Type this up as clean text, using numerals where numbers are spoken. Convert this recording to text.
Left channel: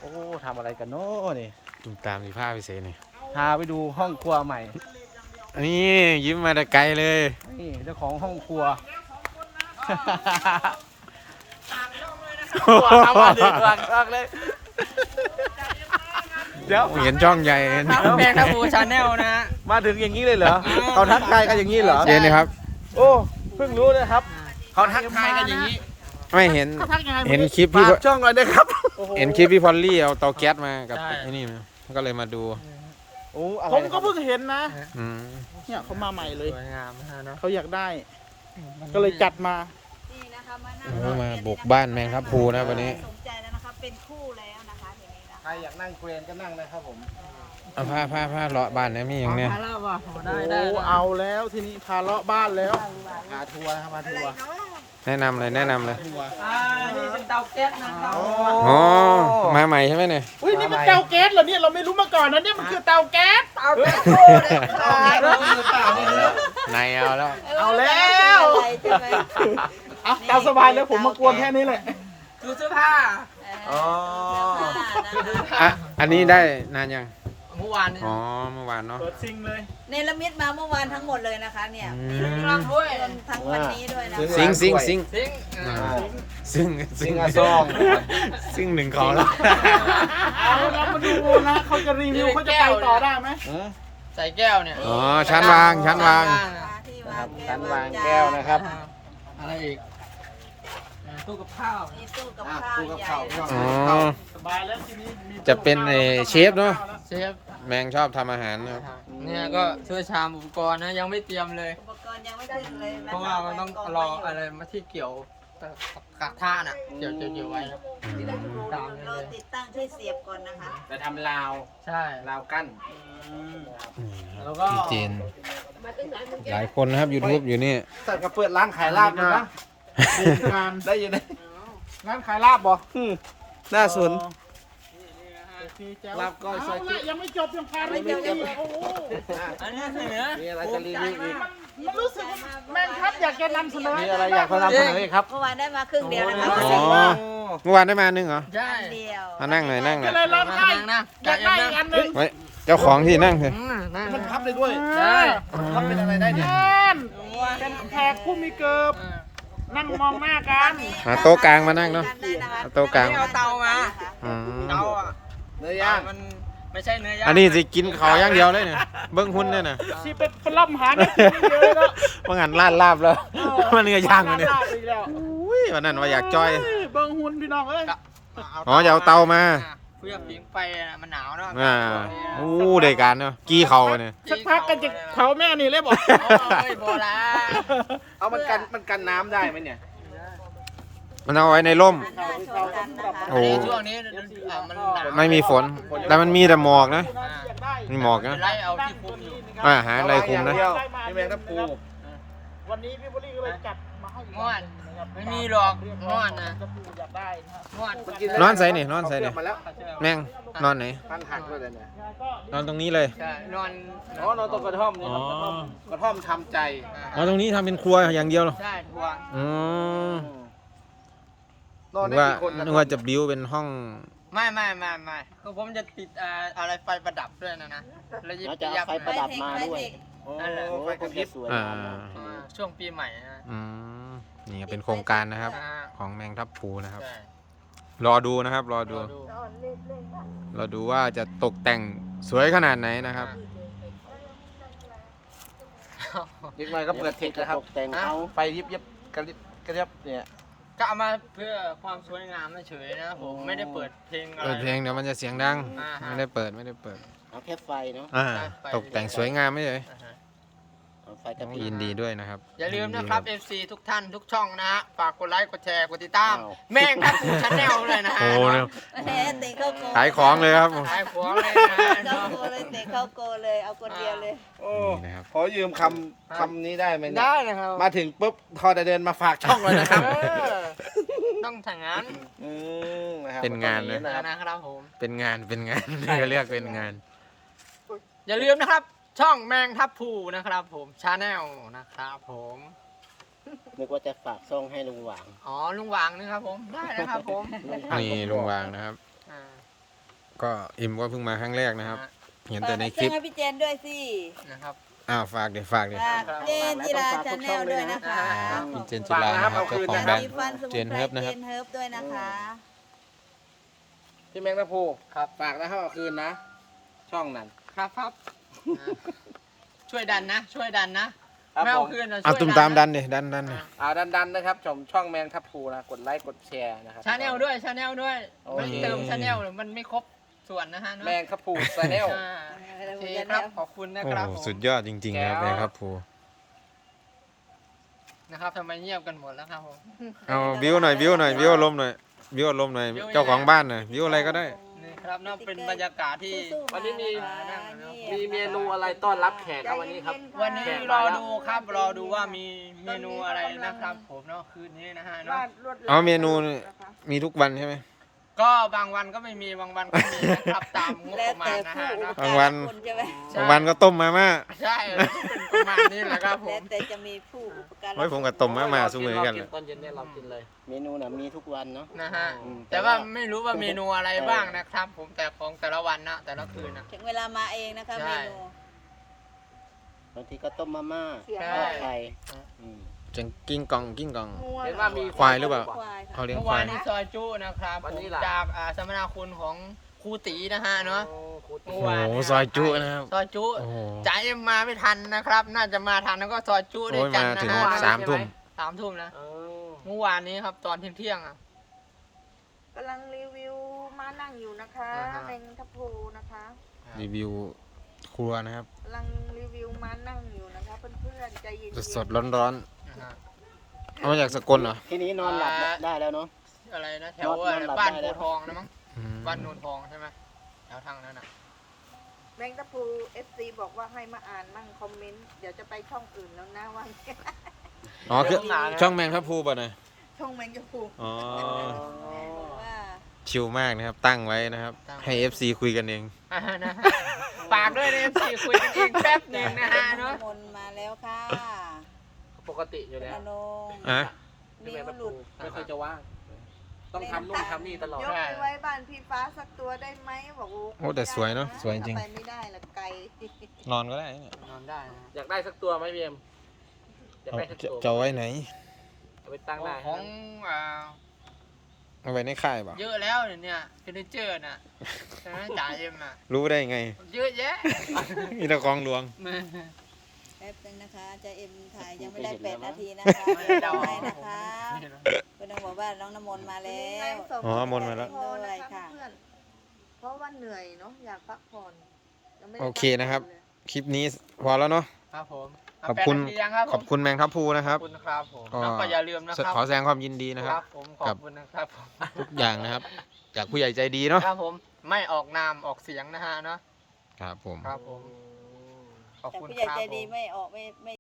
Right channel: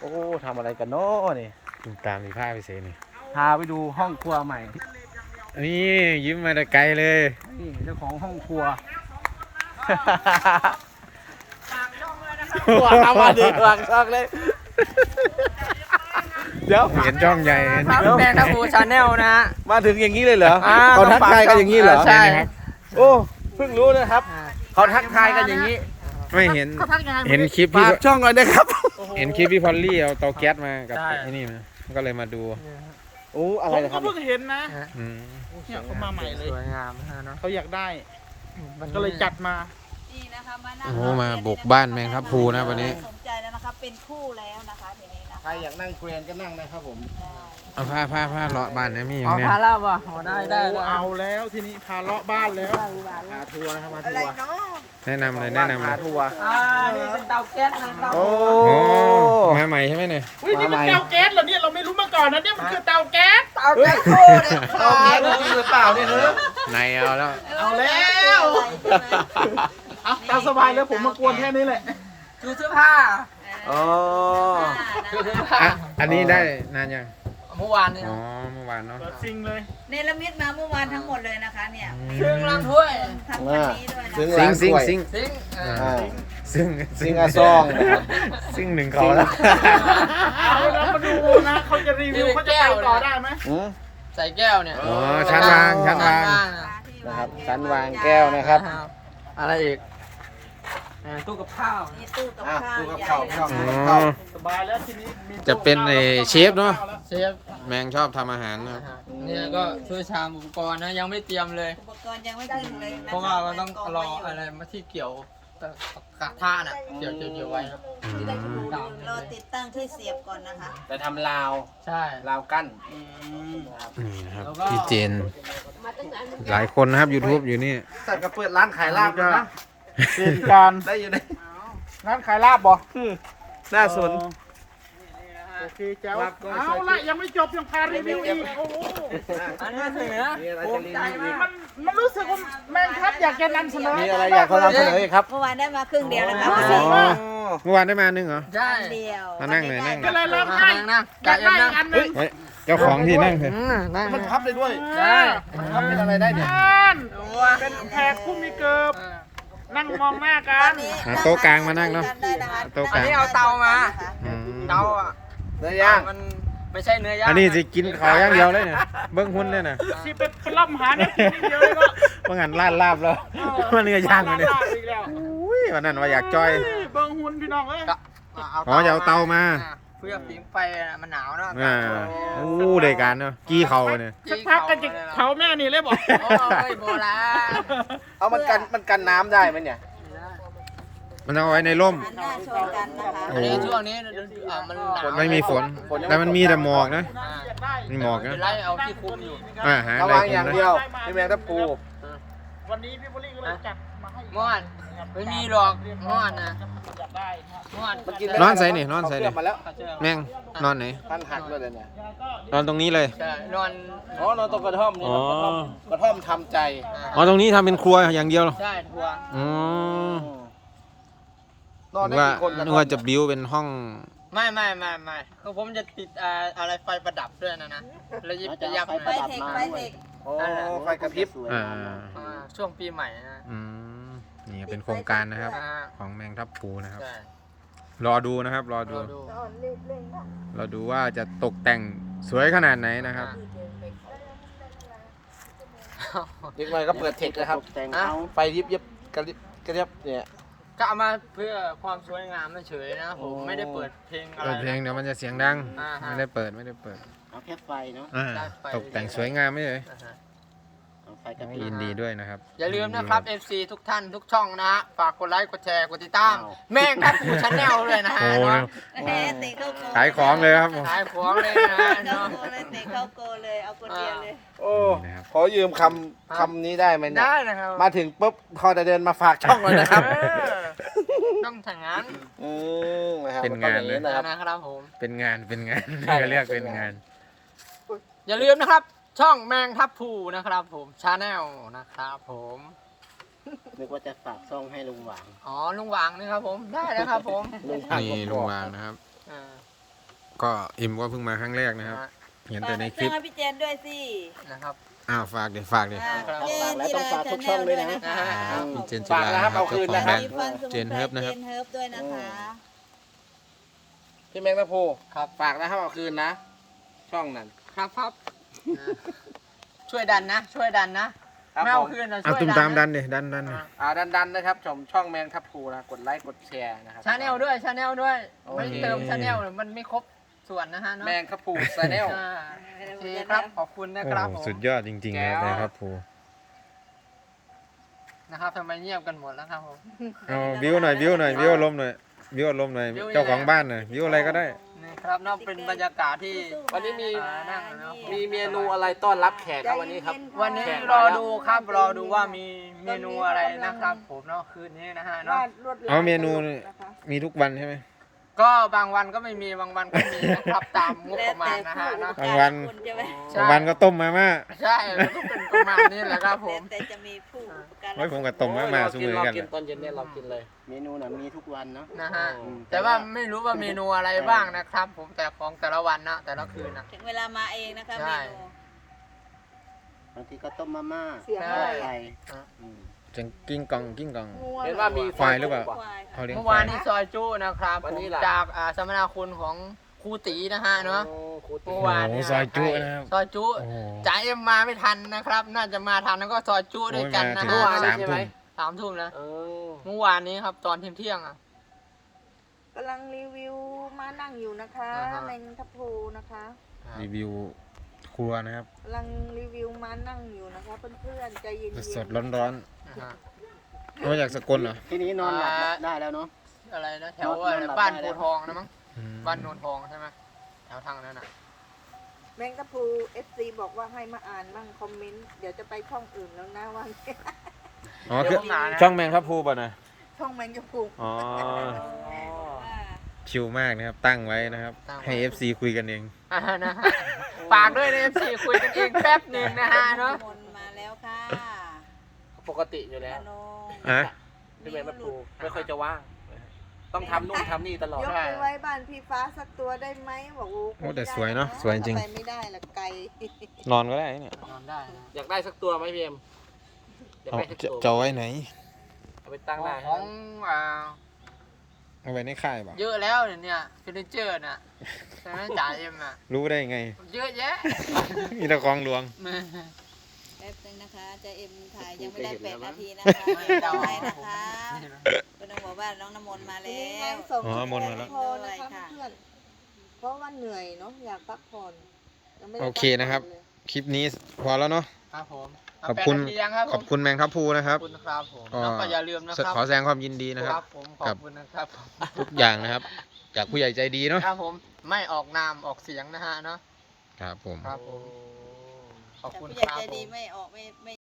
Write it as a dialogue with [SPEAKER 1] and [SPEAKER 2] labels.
[SPEAKER 1] โอ้ทำอะไรกันเนาะนี่
[SPEAKER 2] ตุ่มตามสีผ้าไปเสนี่
[SPEAKER 1] พาไปดูห้องครัวใหม่
[SPEAKER 2] นี่ยิ้มมาแต่ไกลเลย
[SPEAKER 1] นี่เจ้าของห้องครัว เดี๋ยว
[SPEAKER 2] เห็นจ้องใหญ่เห็น
[SPEAKER 3] ครับแมงทับพูชาแนลนะฮะ
[SPEAKER 1] มาถึงอย่างนี้เลยเหรอ
[SPEAKER 3] อ่า
[SPEAKER 1] เขาทักทายกันอย่างนี้เหรอ
[SPEAKER 3] ใช่
[SPEAKER 2] เห็นนะครับ
[SPEAKER 1] โอ้เพิ่งรู้นะครับเขาทักทายกันอย่างนี้
[SPEAKER 2] ไม่เห็น
[SPEAKER 3] เขาทักยังไง
[SPEAKER 2] เห็นคลิปพี่
[SPEAKER 1] ฝากช่องก่อนนะครับ
[SPEAKER 2] เห็นคลิปพี่พอลลี่เอาเตาแก๊สมากับ
[SPEAKER 3] ใช่
[SPEAKER 2] ไอ้นี่มาก็เลยมาดู
[SPEAKER 1] โอ้อะไร
[SPEAKER 4] ผม
[SPEAKER 1] นะค
[SPEAKER 4] ก็
[SPEAKER 1] รับ
[SPEAKER 4] เพิ่งเห็นนะ
[SPEAKER 2] อืม
[SPEAKER 4] เนี่ยเขามาใหม่เลย
[SPEAKER 3] สวยงามนะฮะเนาะ
[SPEAKER 4] เขาอยากได้ ก็เลยจัดมา
[SPEAKER 5] นี่นะคะมานั่ง
[SPEAKER 2] โอ้โหมาบุกบ้านแมงทับพลูนะวันนี้
[SPEAKER 5] สนใจแล้วนะคะเป็นคู่แล้วนะคะทีนี้นะ
[SPEAKER 1] ใครอยากนั่งเควนก็นั่งนะครับผม
[SPEAKER 2] เอาผ้าเลาะบ้านนะมีอ
[SPEAKER 3] อ๋
[SPEAKER 2] ย่า
[SPEAKER 3] อง
[SPEAKER 2] เนี้ย
[SPEAKER 3] พาแล้วว่ะอ๋อได้ได้ได้
[SPEAKER 4] เอาแล้วทีนี้พาเลาะบ้านแล้ว
[SPEAKER 1] พาทัวร์ครับพาทัวร์
[SPEAKER 2] แนะนำเลยแนะนำเลย
[SPEAKER 1] พาทัวร์
[SPEAKER 3] นี่เป็นเตาแก๊สนะครับ
[SPEAKER 1] โอ้
[SPEAKER 2] โอ้มาใหม่ใช่ไหมเนี่ย
[SPEAKER 4] อุ้ยนี่มันเตาแก๊สเหรอเนี่ยเราไม่รู้มาก่อนนะเนี่ยมันคือเตาแก๊ส
[SPEAKER 3] เตาแก๊ส
[SPEAKER 1] เอาแล้วจริงหรือเปล่าเนี่ยเนอะ
[SPEAKER 2] ในเอาแล้ว
[SPEAKER 4] เอาแล้ว
[SPEAKER 5] ใช่ไหม
[SPEAKER 4] เอาตามสบายแล้วผมมากวนแค่นี้แหละ
[SPEAKER 3] ดูเสื้อผ้า
[SPEAKER 1] โอ้
[SPEAKER 3] ดูเสื้อผ้า
[SPEAKER 2] อ่ะอันนี้ได้นานยัง
[SPEAKER 3] เมื่อวานเนี่ย
[SPEAKER 2] อ๋อเมื่อวานเนาะ
[SPEAKER 4] เปิดซิงเลย
[SPEAKER 5] เนรมิตมาเมื่อวานทั้งหมดเลยนะคะเนี่ย
[SPEAKER 3] ลังถ้วย
[SPEAKER 5] ทั้งวันนี้ด้วยนะ
[SPEAKER 2] ซิงซิงซิง
[SPEAKER 3] ทิ้ง
[SPEAKER 2] อ่าซึ่ง
[SPEAKER 1] ซิง
[SPEAKER 2] ง
[SPEAKER 1] อาซอง
[SPEAKER 2] ซึ่งหนึ่งเขาแล้ว
[SPEAKER 4] เอาเรามาดูนะเขาจะรีวิวเขาจะไปต่อได้ไหม
[SPEAKER 1] อืม
[SPEAKER 3] ใส่แก้วเนี่ย
[SPEAKER 2] อ๋อชั้นวางชั้นวาง
[SPEAKER 5] ที่วาง
[SPEAKER 1] ชั้นวางแก้วนะครับ
[SPEAKER 3] อะไรอีกตู้กับข้าว
[SPEAKER 5] มีตู้กับ
[SPEAKER 1] อ่ะ
[SPEAKER 5] ข้าว
[SPEAKER 1] ตู้กับข้าวพี่น้อง
[SPEAKER 2] อ๋
[SPEAKER 1] ตู้
[SPEAKER 2] อ
[SPEAKER 1] กับข้าว
[SPEAKER 4] สบายแล้วทีนี้มี
[SPEAKER 2] จะเป็นเชฟเนาะ
[SPEAKER 3] เชฟ
[SPEAKER 2] แมงชอบทำอาหารนะครับ
[SPEAKER 3] เนี่ยก็ช่วยชามอุปกรณ์นะยังไม่เตรียมเลย
[SPEAKER 5] อุปกรณ์ยังไม่ขึ้นเลยนค
[SPEAKER 3] เพราะว่ามันต้องรออะไรมาที่เกี่ยวกระทะน่ะเกี่ยวไว้นะ
[SPEAKER 2] อืม
[SPEAKER 3] ตามนี้
[SPEAKER 5] รอ
[SPEAKER 3] เลย
[SPEAKER 5] ติดตั้งที่เสียบก่อนนะคะ
[SPEAKER 1] จะทำราว
[SPEAKER 3] ใช่
[SPEAKER 1] ราวกั้น
[SPEAKER 2] นี่นะครับพี่เจน หลายคนนะครับ YouTube อยู่นี่
[SPEAKER 1] สัตว์ก็เปิดร้านขายลาบนะ
[SPEAKER 4] โครงการ
[SPEAKER 1] ได้อยู่ใน
[SPEAKER 4] ร้านขายลาบบ่
[SPEAKER 1] หน้าสวน
[SPEAKER 4] โอเคเจ้า
[SPEAKER 1] ลาบก้อย
[SPEAKER 4] เอาละยังไม่จบยังพารีวิวอีกโอ้โห
[SPEAKER 3] อันนี้ถึงนะ
[SPEAKER 1] มีอะไร
[SPEAKER 3] ภู
[SPEAKER 1] จะ
[SPEAKER 3] มิ
[SPEAKER 1] รี
[SPEAKER 3] ใจ
[SPEAKER 1] วิว
[SPEAKER 3] มา
[SPEAKER 1] อีก
[SPEAKER 3] ก
[SPEAKER 4] มันรู้สึกว่าแมงครับอยากจะนำเสนอ
[SPEAKER 1] มีอะไรอยากนำเสนออีกครับ
[SPEAKER 5] เมื่อวานได้มาครึ่งเดียวนะคะ
[SPEAKER 2] อ๋อ เมื่อวานได้มาหนึ่งเหรอ
[SPEAKER 3] ใช่
[SPEAKER 5] เดียว
[SPEAKER 2] มานั่งหน่อยนั่งหน่
[SPEAKER 4] ก็
[SPEAKER 2] อย
[SPEAKER 4] เลยลองให้
[SPEAKER 3] นั่ง
[SPEAKER 4] อยากได้อีกอันหนึง
[SPEAKER 2] ไว้เจ้าของที่นั่งเถอะ
[SPEAKER 1] มันพับได้ด้วย
[SPEAKER 3] ใช่
[SPEAKER 1] มันพับเป็นอะไรได้เนี่ย
[SPEAKER 4] นั่นเป็นแขกผู้มีเกิบนั่งมองหน้ากัน
[SPEAKER 2] หาโต๊ะกลางมานั่งเนาะ
[SPEAKER 5] ได้นะคะ
[SPEAKER 2] เอาโต๊ะก
[SPEAKER 3] อัน
[SPEAKER 2] ลาง
[SPEAKER 3] นี้เอาเตามา
[SPEAKER 2] อืม
[SPEAKER 3] เตาอ่ะ
[SPEAKER 1] เนื้อย่าง
[SPEAKER 3] มันไม่ใช่เนื้อย่าง
[SPEAKER 2] อันนี้สิกินเขาวอย่างเดียวเลยเนี่ย เบิ้งหุ้นเนี่ยนะ
[SPEAKER 4] สิเป็นล่ำหาได้กินเยอะแล้ว
[SPEAKER 2] เมื่องันลาดลาบแล้ว มันเนื้อย่างมาเนี่ย
[SPEAKER 4] อีกแล้ว
[SPEAKER 2] อุ้ยวันนั้นว่าอยากจอย
[SPEAKER 4] เบิ่งหุ่นพี่น้องเอ้ย
[SPEAKER 2] อ๋อจะเอาเตามา
[SPEAKER 3] เพื่อผิงไฟมันหนาวเนาะ
[SPEAKER 2] อ่าอู้ได้การเนาะกี้เขาเนี่ย
[SPEAKER 4] สักพักก็จะเขาแม่นี่เลยบอก
[SPEAKER 3] โอ้ยโบราณ
[SPEAKER 1] เอามันกันน้ำได้ไหมเนี่ย
[SPEAKER 3] ไม่ได้
[SPEAKER 2] มันเอาไว้ในร่ม
[SPEAKER 5] อันนี้ช่วยกันนะคะ
[SPEAKER 2] โอ้
[SPEAKER 3] อันนี้ช่วงนี้มันหนาว
[SPEAKER 2] ไม่มีฝน แต่มันมีแต่หมอกนะ
[SPEAKER 3] อ่า
[SPEAKER 2] มีหมอกนะ
[SPEAKER 3] เป็นไรเอาที่คุมอยู่
[SPEAKER 2] หาอะไรคุมนะ
[SPEAKER 1] เดียวพี่แมงทับปู
[SPEAKER 4] วันนี้พี่บริก็เลยจัดมาให้
[SPEAKER 3] เมื่อวานไม่มีหรอกเมื่อวานนะ
[SPEAKER 4] อยากได้นะ
[SPEAKER 3] เมื่อวาน
[SPEAKER 2] นอนใส่นี่นอนใส่นี่
[SPEAKER 1] มาแล้ว
[SPEAKER 3] เขาเจอ
[SPEAKER 2] แม่งนอนไหน
[SPEAKER 1] กันหักเลยเนี่ย
[SPEAKER 4] ยายก็
[SPEAKER 2] นอนตรงนี้เลย
[SPEAKER 3] ใช่นอน
[SPEAKER 1] อ๋อเราต้องกระท่อม
[SPEAKER 2] อ๋อ
[SPEAKER 1] กระท่อมทำใจ
[SPEAKER 2] อ๋อตรงนี้ทำเป็นครัวอย่างเดียวเหรอ
[SPEAKER 3] ใช่ทัวร์
[SPEAKER 2] อืม
[SPEAKER 1] นอน
[SPEAKER 2] นึ
[SPEAKER 1] ได้
[SPEAKER 2] กว่า
[SPEAKER 1] กี่คน
[SPEAKER 2] นึกว่าจะบิวเป็นห้อง
[SPEAKER 3] ไม่คือผมจะติดอะไรไฟประดับด้วยนะแล้วยิบจะยับ
[SPEAKER 5] ไฟ
[SPEAKER 3] นะ
[SPEAKER 5] เทคไฟเทค
[SPEAKER 1] โอ้ไฟกระพริบ
[SPEAKER 2] อ่า
[SPEAKER 3] ช่วงปีใหม่นะ
[SPEAKER 2] อืมนี่เป็นโครงการนะครับ
[SPEAKER 3] อ่า
[SPEAKER 2] ของแมงทับพลูนะครับ
[SPEAKER 3] ใช่
[SPEAKER 2] รอดูนะครับ รอดู
[SPEAKER 3] รอดู
[SPEAKER 2] เราดูว่าจะตกแต่งสวยขนาดไหนนะครับ
[SPEAKER 1] อีกหน่อยก็เปิดเทคนะครับ
[SPEAKER 3] อ่ะ
[SPEAKER 1] ไฟยิบกระยิบเนี่ย
[SPEAKER 3] ก็เอามาเพื่อความสวยงามเฉยๆนะผมไม่ได้เปิดเพลงอะไร
[SPEAKER 2] เปิดเพลงเดี๋ยวมันจะเสียงดัง
[SPEAKER 3] อ่าฮะ
[SPEAKER 2] ไม่ได้เปิด
[SPEAKER 1] เอาแค่ไฟเนาะ
[SPEAKER 2] อ่าตกแต่งสวยงามไม่เลย
[SPEAKER 3] อ่าฮะ
[SPEAKER 1] เอาไฟกระ
[SPEAKER 2] โอ้
[SPEAKER 1] พริบ
[SPEAKER 2] ยินดีด้วยนะครับ
[SPEAKER 3] อย่าลืมนะครับ FC ทุกท่านทุกช่องนะฮะฝากกดไลค์กดแชร์กดติดตาม แม่งทับผูชาแนลด้วยนะฮะ
[SPEAKER 2] โอ้
[SPEAKER 3] เนาะ
[SPEAKER 5] เฮ้เตะเข้าโก
[SPEAKER 2] ขายของเลยครับ
[SPEAKER 3] ขายของเลยนะฮะเนาะ
[SPEAKER 5] โกเลยเตะเข้าโกเลยเอาคนเดียวเลย
[SPEAKER 1] โอ้
[SPEAKER 2] นี่นะครับ
[SPEAKER 1] ขอยืมคำนี้ได้ไหมเนี่ย
[SPEAKER 3] ได้นะครับ
[SPEAKER 1] มาถึงปุ๊บพอจะเดินมาฝากช่องเลยนะครับ
[SPEAKER 3] เออต้องทางนั้น
[SPEAKER 1] นะครับ
[SPEAKER 2] เป็นงานเลย
[SPEAKER 1] นะครับ
[SPEAKER 3] นะครับผม
[SPEAKER 2] เป็นงานนี่ก็เรียกเป็นงาน
[SPEAKER 3] อย่าลืมนะครับ ช่องแมงทับผูนะครับผมชาแนลนะครับผม
[SPEAKER 1] นึกว่าจะฝากช่องให้ลุงหวัง
[SPEAKER 3] อ๋อลุงหวางนี่ครับผมได้นะครับผม
[SPEAKER 2] นี่ลุงวางนะครับ
[SPEAKER 3] เออ
[SPEAKER 2] ก็อิมก็เพิ่งมาครั้งแรกนะครับ เห็นแต่ในคลิป
[SPEAKER 5] ฝากให้พี่เจนด้วยสิ
[SPEAKER 3] นะครับ
[SPEAKER 2] อ้าวฝากเดี๋ยวฝากเดี๋ยว
[SPEAKER 5] เจนจิราชาแนลด้วยนะคะ
[SPEAKER 2] พี่เจนจิรานะครับเจ้าของแบรนด์ เจนเฮิร์บนะครับ
[SPEAKER 5] เจนเฮิร์บด้วยนะคะ
[SPEAKER 1] พี่แมงทัพพูครับฝากนะห้ามเอาคืนนะ ช่องนั้น
[SPEAKER 3] ครับช่วยดันนะ ช่วยดันนะ
[SPEAKER 1] ครับ
[SPEAKER 3] ไม่เอา
[SPEAKER 1] ผม
[SPEAKER 3] คืนนะ
[SPEAKER 2] อ่ะ
[SPEAKER 3] ช่วย
[SPEAKER 2] ตุ้มตามดันดิดัน
[SPEAKER 3] อ่ะ
[SPEAKER 1] ดันนะครับชมช่องแมงทัพพูนะกดไลค์กดแชร์นะครับ
[SPEAKER 3] ชาแนลด้วยชาแนลด้วย
[SPEAKER 1] โอ้
[SPEAKER 3] ไม่
[SPEAKER 1] ย
[SPEAKER 3] เติมชาแนลมันไม่ครบส่วนนะฮะเนาะ
[SPEAKER 1] แมงทัพพูชาแนล
[SPEAKER 3] อ่าโอเคครับขอบคุณนะ
[SPEAKER 2] โอ้
[SPEAKER 3] ครับ
[SPEAKER 2] โห
[SPEAKER 3] ผม
[SPEAKER 2] สุดยอดจริงๆนะครับนะครับครู
[SPEAKER 3] นะครับทำไมเงียบกันหมดแล้วครับผม
[SPEAKER 2] เอาวิวหน่อยวิวหน่อยวิวอารมณ์หน่อยวิวอารมณ์หน่อย
[SPEAKER 3] วิวยังไง
[SPEAKER 2] เจ้าของบ้านหน่อยวิวอะไรก็ได้
[SPEAKER 3] นี่ครับเนาะเป็นบรรยากาศที่
[SPEAKER 1] วันนี้มี
[SPEAKER 3] นั่งนะครับผม
[SPEAKER 1] มีเมนูอะไรต้อนรับแขกครับวันนี้ครับ
[SPEAKER 3] วันนี้รอดูครับรอดูว่ามีเมนูอะไรนะครับ ผมเนาะคืนนี้นะฮะเนาะ
[SPEAKER 2] เอาเมนูนี่มีทุกวันใช่ไหม
[SPEAKER 3] ก็บางวันก็ไม่มีบางวันก็มีนะครับตามงบประมาณนะฮะเนาะ
[SPEAKER 2] บางวัน
[SPEAKER 5] ใช่ไหม
[SPEAKER 3] ใช่
[SPEAKER 2] บางวันก็ต้มมาม่า
[SPEAKER 3] ใช่ก็เป็นประมาณนี้แหละครับผม
[SPEAKER 5] แต่จะมีผู้การ
[SPEAKER 2] ไว้ผมกับต้มมาม่าเสมอกัน
[SPEAKER 1] กิ
[SPEAKER 2] แหละ
[SPEAKER 1] ตอนเย็นเนี่ยเรากินเลย
[SPEAKER 6] เมนูน่ะมีทุกวันเนาะ
[SPEAKER 3] นะฮะแต่ว่าไม่รู้ว่าเมนูอะไรบ้างนะครับ ผมแต่ของแต่ละวันนะแต่ละคืนนะ
[SPEAKER 5] ถึงเวลามาเองนะคะ
[SPEAKER 3] ใช่
[SPEAKER 5] เมนู
[SPEAKER 6] บางทีก็ต้มมาม่า
[SPEAKER 3] ใช่
[SPEAKER 6] ไก่
[SPEAKER 3] อ่ะ
[SPEAKER 6] อืม
[SPEAKER 2] จังกิ้งกองกิ้งกอง
[SPEAKER 1] เห็นว่ามี
[SPEAKER 2] ควายหรือเปล่า
[SPEAKER 5] ควาย
[SPEAKER 2] เขาเลี้ยง
[SPEAKER 3] เมื่อวา
[SPEAKER 2] ควาน ย
[SPEAKER 3] นี้ซอยจุนะครับ
[SPEAKER 1] วัน
[SPEAKER 3] ผม
[SPEAKER 1] นี้ล่ะ
[SPEAKER 3] จากสมนาคุณของครูตีนะฮะเนาะ
[SPEAKER 2] โอ้
[SPEAKER 3] เมื่อ
[SPEAKER 2] โห
[SPEAKER 3] วานเนี่ย
[SPEAKER 2] ซอยจุนะครับ
[SPEAKER 3] ซอยจุ
[SPEAKER 2] โอ้โห
[SPEAKER 3] จ่าเอ็มมาไม่ทันนะครับ น่าจะมาทันแล้วก็ซอยจุด้วยกันนะ
[SPEAKER 2] โอ้ยมาถึ
[SPEAKER 3] ฮะ
[SPEAKER 2] ง 3 ทุ่ม
[SPEAKER 3] 3 ทุ่มนะ
[SPEAKER 1] เออ
[SPEAKER 3] เมื่อวานนี้ครับตอนเที่ยงๆอ่ะ
[SPEAKER 7] กำลังรีวิวมานั่งอยู่นะคะ
[SPEAKER 3] อ่าฮะ
[SPEAKER 7] แมงทับพลูนะคะ
[SPEAKER 2] รีวิวครัวนะครับ
[SPEAKER 7] กำลังรีวิวมานั่งอยู่นะคะเพื่อนๆใจเย็นๆ
[SPEAKER 2] สดๆร้อน
[SPEAKER 3] นะฮะ
[SPEAKER 2] ๆเอามาจากสกลเหรอ
[SPEAKER 6] ทีนี้นอนหลับได้แล้วเนาะ
[SPEAKER 3] อะไรนะแถวอะไรบ้านโพธิ์ทองนะมั้ง
[SPEAKER 2] อืม
[SPEAKER 3] บ้านโนนทองใช่ไหมแถวทางนั้นอ่ะ
[SPEAKER 7] แมงทับพลูFC บอกว่าให้มาอ่านมั่งคอมเมนต์เดี๋ยวจะไปช่องอื่นแล้วนะวันนี้
[SPEAKER 2] อ๋อคือช่องแมงทับพลูป่ะนะ
[SPEAKER 7] ช่องแมงทับพลู
[SPEAKER 2] อ๋อ
[SPEAKER 5] ว่า
[SPEAKER 2] ชิลมากนะครับ ตั้งไว้นะครับ ให้ FC คุยกันเอง
[SPEAKER 3] อ่านะฮะฝากด้วยนะพี่คุยกันเองแป๊บหนึ่งนะฮะเนาะ
[SPEAKER 5] มนต์มาแล้วค่ะ
[SPEAKER 1] ปกติอยู่แล้ว
[SPEAKER 5] อโน
[SPEAKER 2] อ่ะ
[SPEAKER 1] พี่แมงทัพพูไม่ค่อยจะว่าง ต้องทำนู่นทำนี่ตลอด
[SPEAKER 7] ยกไปไว้บ้านพี่ฟ้าสักตัวได้ไหมบอก
[SPEAKER 2] โอ้แต่สวยเนาะสวยจริง
[SPEAKER 7] ใส่ไม่ได้ละไกล
[SPEAKER 2] นอนก็ได้เนี่ย
[SPEAKER 3] นอนได้นะ
[SPEAKER 1] อยากได้สักตัวไหมพี่เอ็มอยาก
[SPEAKER 2] เอา
[SPEAKER 1] ได้สัก
[SPEAKER 2] จะ
[SPEAKER 1] ตัว
[SPEAKER 2] จะเอาไว้ไหน
[SPEAKER 1] เอาไปตั้ง
[SPEAKER 3] ของ
[SPEAKER 1] หน้า
[SPEAKER 3] ของอ่า
[SPEAKER 2] เอาไว้ในค่ายป่ะ
[SPEAKER 3] เยอะแล้วเนี่ยเฟอร์นิเจอร์น่ะใช่ไหมจ่าเอ็มอ่ะ
[SPEAKER 2] รู้ได้ไง
[SPEAKER 3] เยอะแยะ
[SPEAKER 2] มีแตะของหลวง
[SPEAKER 5] แป๊บนึงนะคะจะเอ็มถ่ายยังไม่ได้8 นาทีนะคะ
[SPEAKER 3] ไม่เดา
[SPEAKER 5] ได้นะ
[SPEAKER 3] ผม
[SPEAKER 5] คะ
[SPEAKER 3] นี่นะ
[SPEAKER 5] คุณน้องบอกว่าน้องน้ำมนต์มาแล้ว
[SPEAKER 2] อ๋อมนต์มาแล้ว
[SPEAKER 7] พอนะคะเพื่อนเพราะว่าเหนื่อยเนาะอยากพักผ่อนยังไม่ได้
[SPEAKER 2] โอเคนะครับ คลิปนี้พอแล้วเนาะ
[SPEAKER 3] ครับผม
[SPEAKER 2] ขอบคุณ
[SPEAKER 3] แปดนาทียังครับผม
[SPEAKER 2] ขอบคุณแมงทับพลูนะครับ
[SPEAKER 3] ขอบคุณครับผม
[SPEAKER 2] ก็
[SPEAKER 3] แล้วก็อย่าลืมนะครับ
[SPEAKER 2] ขอแสดงความยินดีนะครับ
[SPEAKER 3] ผมขอบคุณนะครับผม
[SPEAKER 2] ทุกอย่างนะครับ จากผู้ใหญ่ใจดีเนาะ
[SPEAKER 3] ครับผมไม่ออกนามออกเสียงนะฮะเนาะ
[SPEAKER 2] ครับผม
[SPEAKER 3] ครับผมขอบ
[SPEAKER 5] แต่
[SPEAKER 3] คุณ
[SPEAKER 5] ผู้ใหญ่
[SPEAKER 3] ครับ
[SPEAKER 5] ใจ
[SPEAKER 3] ผ
[SPEAKER 5] ดี
[SPEAKER 3] ม
[SPEAKER 5] ไม่ออกไม่